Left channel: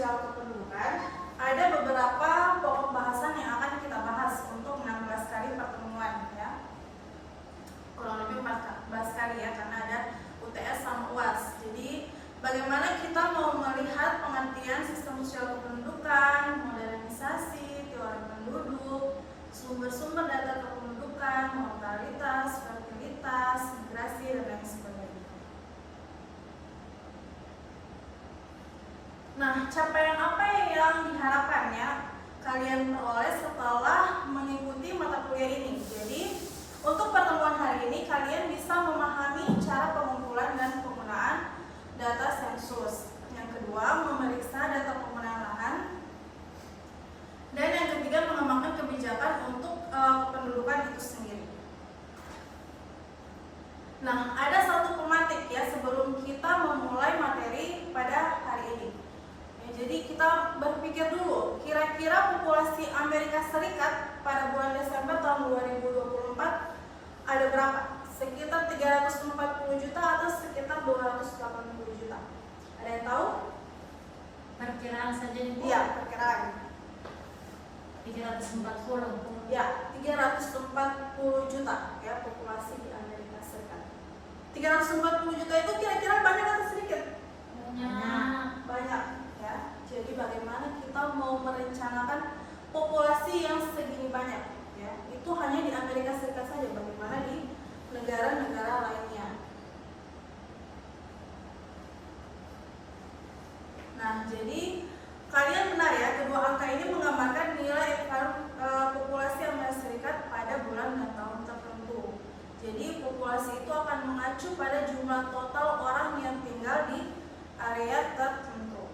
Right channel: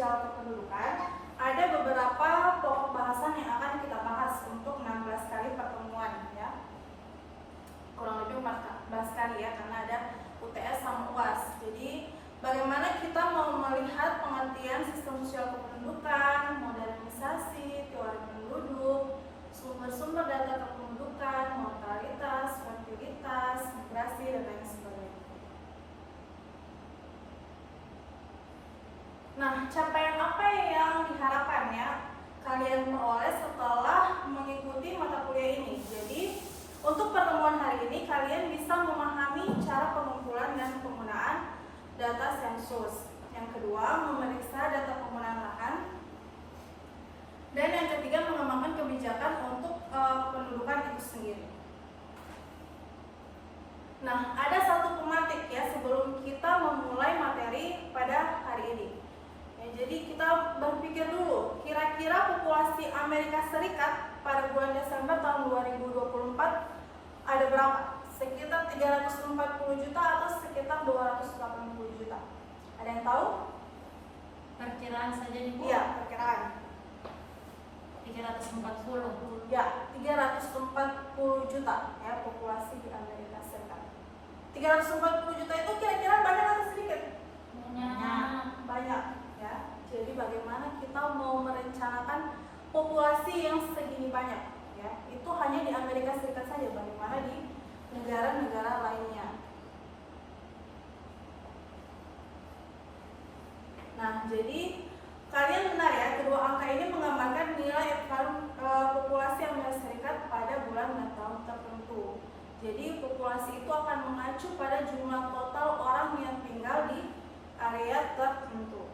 sosial kependudukan, ada beberapa pokok bahasan yang akan kita bahas untuk 16 kali pertemuan ya. Kurang lebih 14 kali ya, karena ada UTS sama UAS. Jadi bagaimana kita mau melihat pengertian sistem sosial kependudukan, modernisasi, teori penduduk, sumber-sumber data kependudukan, mortalitas, fertilitas, migrasi, dan lain sebagainya. Nah, capaian apa yang diharapkan ya kalian peroleh setelah mengikuti mata kuliah ini? Jadi, untuk pertemuan hari ini kalian bisa memahami cara pengumpulan dan penggunaan data sensus. Yang kedua, memeriksa data penggunaan lahan. Dan yang ketiga, mengembangkan kebijakan untuk kependudukan itu sendiri. Nah, ada satu pematik ya sebelum kita memulai materi pada hari ini. Jadi kita berpikir dulu, kira-kira populasi Amerika Serikat pada bulan Desember tahun 2024 ada berapa? Sekitar 340 juta atau sekitar 280 juta? Ada yang tahu? Perkiraan saja Ibu? Iya, perkiraan. 340. Ya, 340 juta ya populasi di Amerika Serikat. 340 juta itu kira-kira banyak atau sedikit? Banyak. Ya, jadi bagaimana kita mau merencanakan populasi yang segini banyak ya, itu hanya di Amerika Serikat saja, bagaimana di negara-negara lainnya. Nah, jadi kalian benar ya, kedua angka ini menggambarkan nilai populasi Amerika Serikat pada bulan dan tahun tertentu. Jadi populasi itu akan mengacu pada jumlah total orang yang tinggal di area tertentu.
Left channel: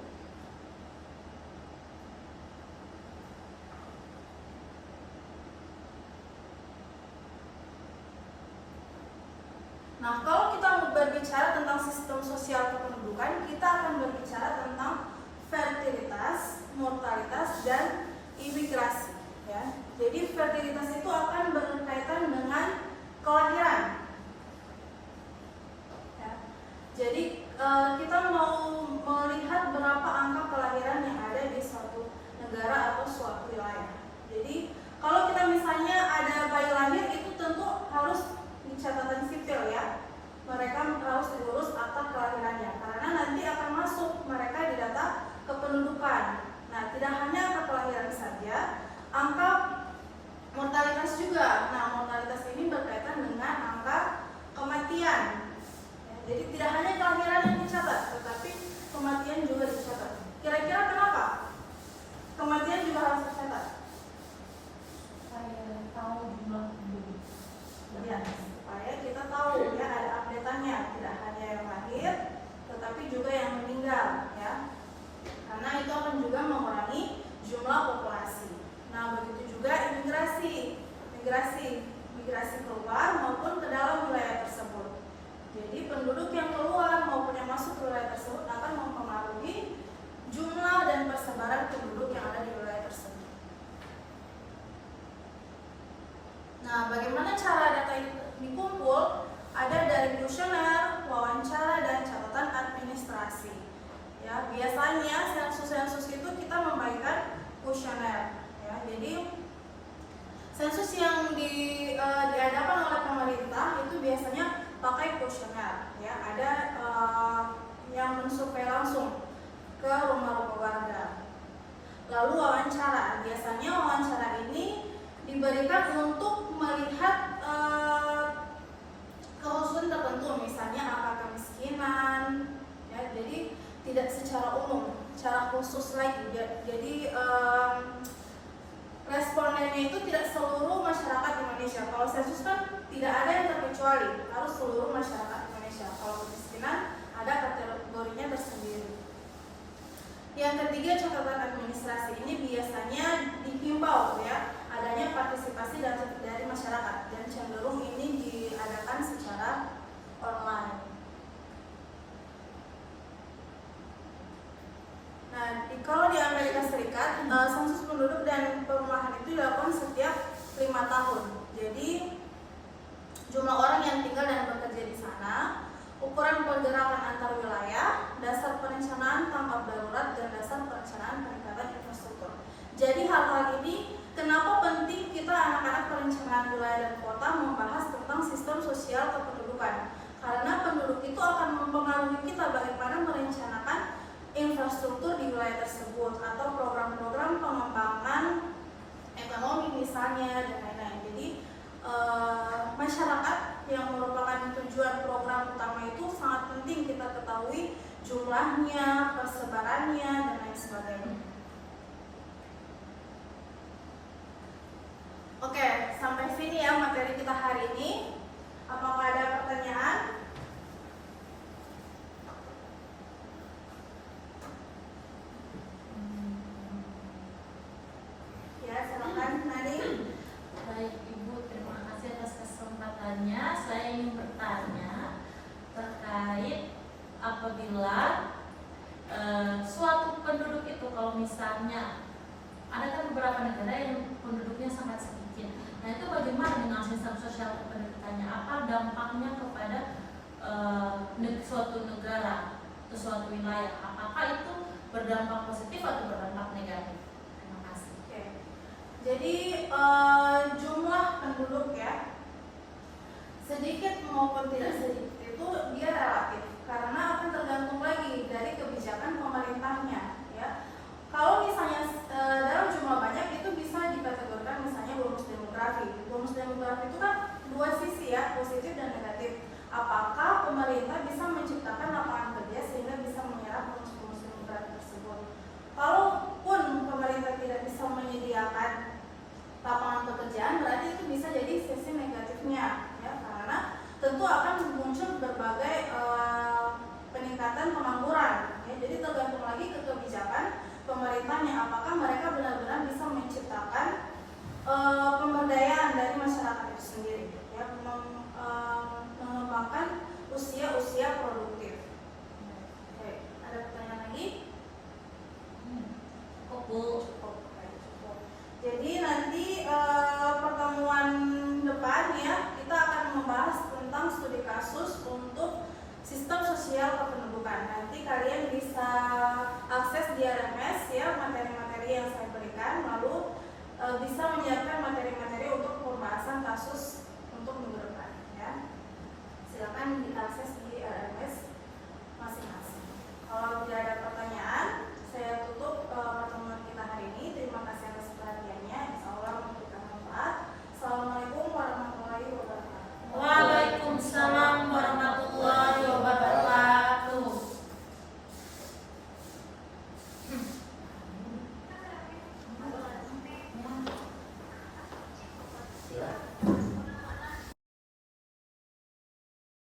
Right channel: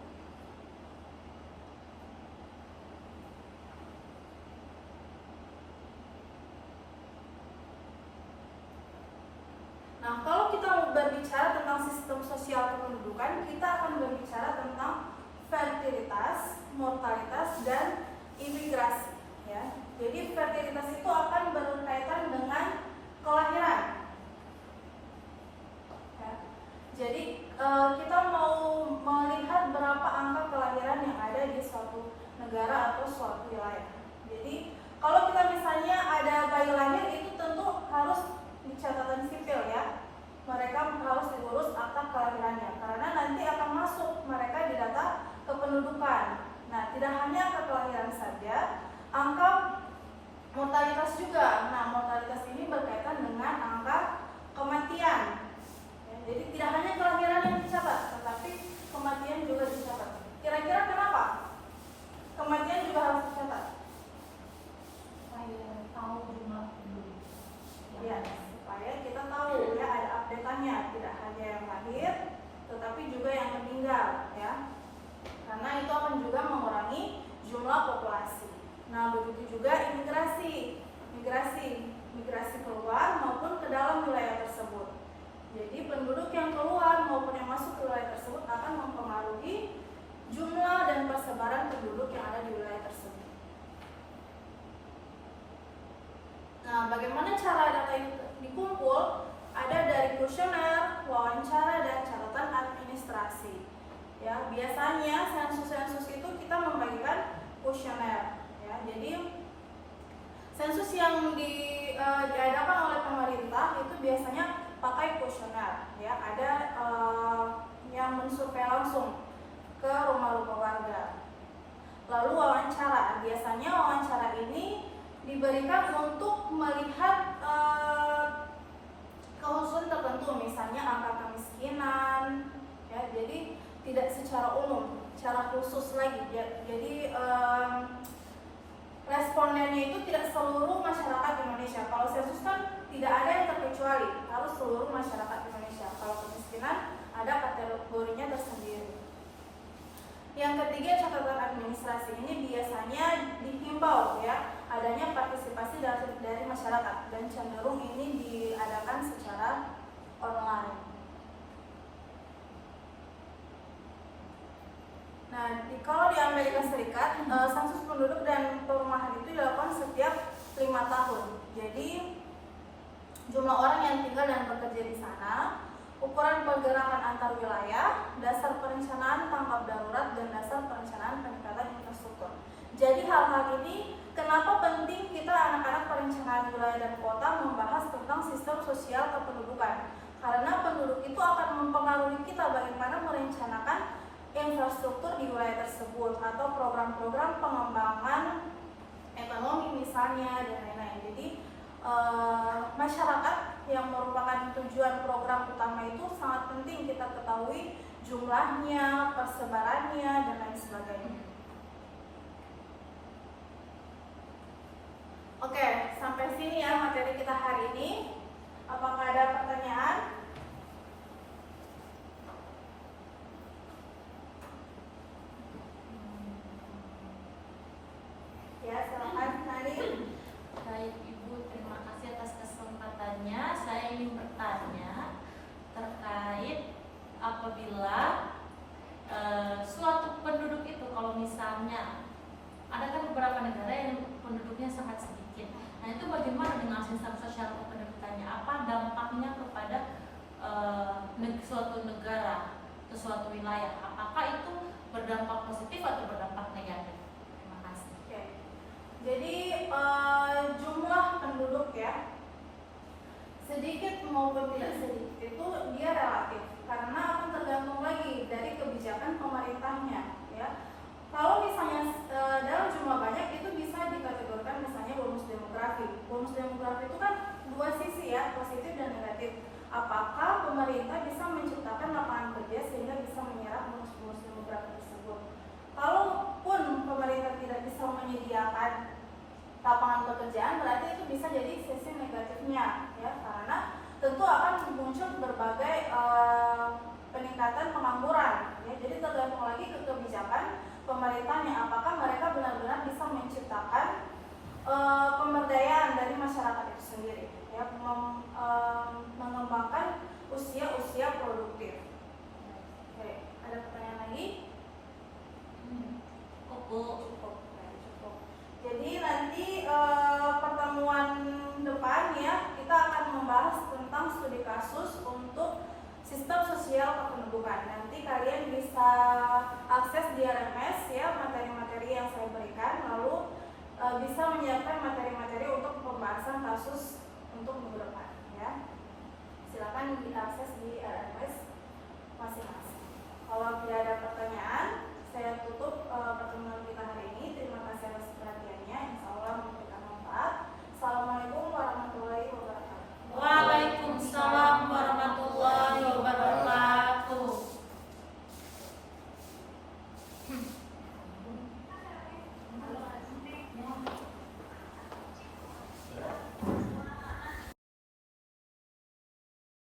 Nah, kalau kita berbicara tentang sistem sosial kependudukan, kita akan berbicara tentang fertilitas, mortalitas, dan imigrasi. Ya. Jadi fertilitas itu akan berkaitan dengan kelahiran. Ya. Jadi kita mau melihat berapa angka kelahiran yang ada di suatu negara atau suatu wilayah. Jadi kalau kita misalnya ada bayi lahir, itu tentu harus di catatan sipil ya, mereka harus diurus akta kelahirannya karena nanti akan masuk mereka di data kependudukan. Nah, tidak hanya angka kelahiran saja, angka mortalitas juga. Nah, mortalitas ini berkaitan dengan angka kematian. Jadi tidak hanya kelahiran yang dicatat, tetapi kematian juga dicatat. Kira-kira kenapa kematian juga harus dicatat? Saya tahu jumlah penduduk. Ya, supaya kita tahu ya ada update-annya, tidak hanya yang lahir tetapi juga yang meninggal ya, karena itu akan juga mengurangi jumlah populasi. Nah, begitu juga migrasi keluar maupun ke dalam wilayah tersebut. Jadi penduduk yang keluar maupun yang masuk ke wilayah tersebut akan mempengaruhi jumlah dan persebaran penduduk yang ada di wilayah tersebut. Nah, bagaimana cara data itu dikumpul? Ada dari kuesioner, wawancara, dan catatan administrasi. Ya, biasanya sensus itu kita membagikan kuesioner. Ya, jadi sensus yang diadakan oleh pemerintah itu biasanya pakai kuesioner. Ya, ada yang mensurvei langsung ke rumah-rumah warga. Lalu wawancara. Biasanya wawancara ini diberikan untuk melihat kekhususan tertentu, misalnya angka kemiskinan ya, jadi tidak secara umum, secara khusus lagi. Jadi respondennya itu tidak seluruh masyarakat Indonesia. Kalau sensus kan tidak ada yang terkecuali, harus seluruh masyarakat Indonesia. Kalau kemiskinan ada kategorinya tersendiri. Yang ketiga, catatan administrasi ini biasanya dihimbau ya adanya partisipasi dari masyarakat, dan cenderung ini diadakan secara online. Nah, kalau di Amerika Serikat, sensus penduduk dan perumahan itu dilakukan setiap 5 tahun. Jadi jumlah orang yang tinggal dan bekerja di sana, ukuran pergerakan antar wilayah, dasar perencanaan tanggap darurat, dan dasar perencanaan di wilayah tersebut atau program-program pengembangan ekonomi misalnya dan lain-lain. Jadi masyarakat yang merupakan tujuan program utama itu sangat penting kita ketahui jumlahnya, persebarannya dan lain sebagainya. Oke, sampai sini ya materi kita hari ini. Apakah ada pertanyaan? Ya, silakan Nadine. Baik Ibu, terima kasih atas kesempatannya. Saya ingin bertanya terkait apabila suatu penduduk itu, kalau misalnya ada kan beberapa negara yang penduduknya sangat sedikit. Nah itu bagaimana dengan sistem sosial kependudukannya? Apa dampaknya kepada suatu negara atau suatu wilayah? Apakah itu berdampak positif atau berdampak negatif? Terima kasih. Oke. Jadi jumlah penduduk ya, sedikit maupun tidak sedikit itu dia relatif karena akan tergantung lagi dari kebijakan pemerintahnya ya. Kalau misalnya dalam jumlah banyak itu bisa dikategorikan misalnya bonus demografi. Bonus demografi itu kan dua sisi ya, positif dan negatif. Apakah pemerintah bisa menciptakan lapangan kerja sehingga bisa menyerap bonus demografi tersebut? Kalaupun pemerintah tidak bisa menyediakan lapangan pekerjaan, berarti itu bisa jadi sisi negatifnya ya, karena tentu akan muncul berbagai peningkatan pengangguran ya. Jadi tergantung lagi ke kebijakan pemerintahnya, apakah mereka benar-benar bisa menciptakan pemberdayaan dari masyarakat itu sendiri ya, mengembangkan usia-usia produktif. Oke, ada pertanyaan lagi? Cukup. Jadi nanti pertemuan depan ya kita akan membahas tentang studi kasus untuk sistem sosial kependudukan. Nanti kalian bisa akses di RMS ya materi-materi yang saya berikan, lalu bisa menyiapkan materi-materi untuk pembahasan kasus untuk minggu depan ya. Silakan diakses di RMS